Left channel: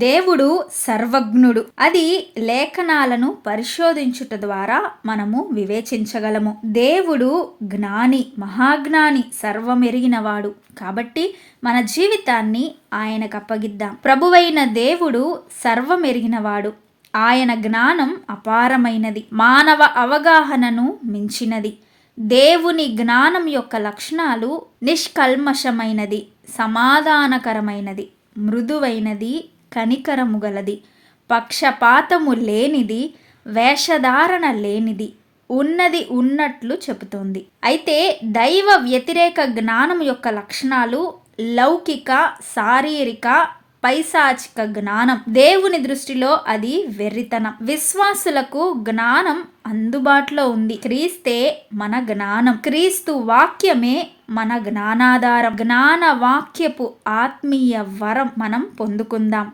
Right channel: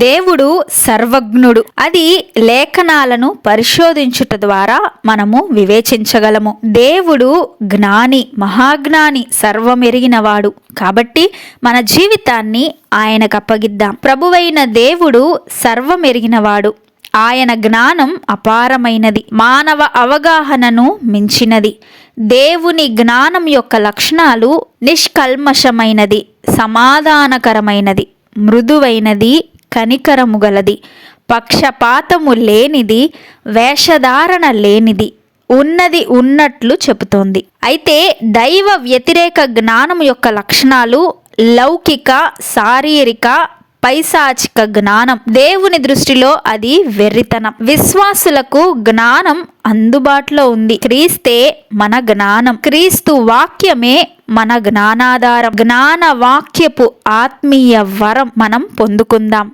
దేవుడు సర్వజ్ఞుడు. అది లేఖనాలను పరిశోధించుట ద్వారా మనము వివేచించగలము. దేవుడు జ్ఞాని, మహాజ్ఞాని, సర్వమెరిగినవాడు. కాబట్టి మన జీవితాన్ని ఆయనకు అప్పగిద్దాం. ప్రభువైన దేవుడు సర్వమెరిగినవాడు. ఆయన జ్ఞానం అపారమైనది, మానవ అవగాహనను మించినది. దేవుని జ్ఞానం యొక్క లక్షణాలు నిష్కల్మషమైనది, సమాధానకరమైనది, మృదువైనది, కనికరము గలది, పక్షపాతము లేనిది, వేషధారణ లేనిది, ఉన్నది ఉన్నట్లు చెబుతోంది. అయితే దైవ వ్యతిరేక జ్ఞానం యొక్క లక్షణాలు లౌకిక, శారీరక, పైశాచిక జ్ఞానం. దేవుని దృష్టిలో అది వెర్రితనం. విశ్వాసులకు జ్ఞానం అందుబాటులో ఉంది. క్రీస్తే మన జ్ఞానం. క్రీస్తు వాక్యమే మన జ్ఞానాధారం. జ్ఞాన వాక్యపు ఆత్మీయ వరం మనం పొందుకుందాం.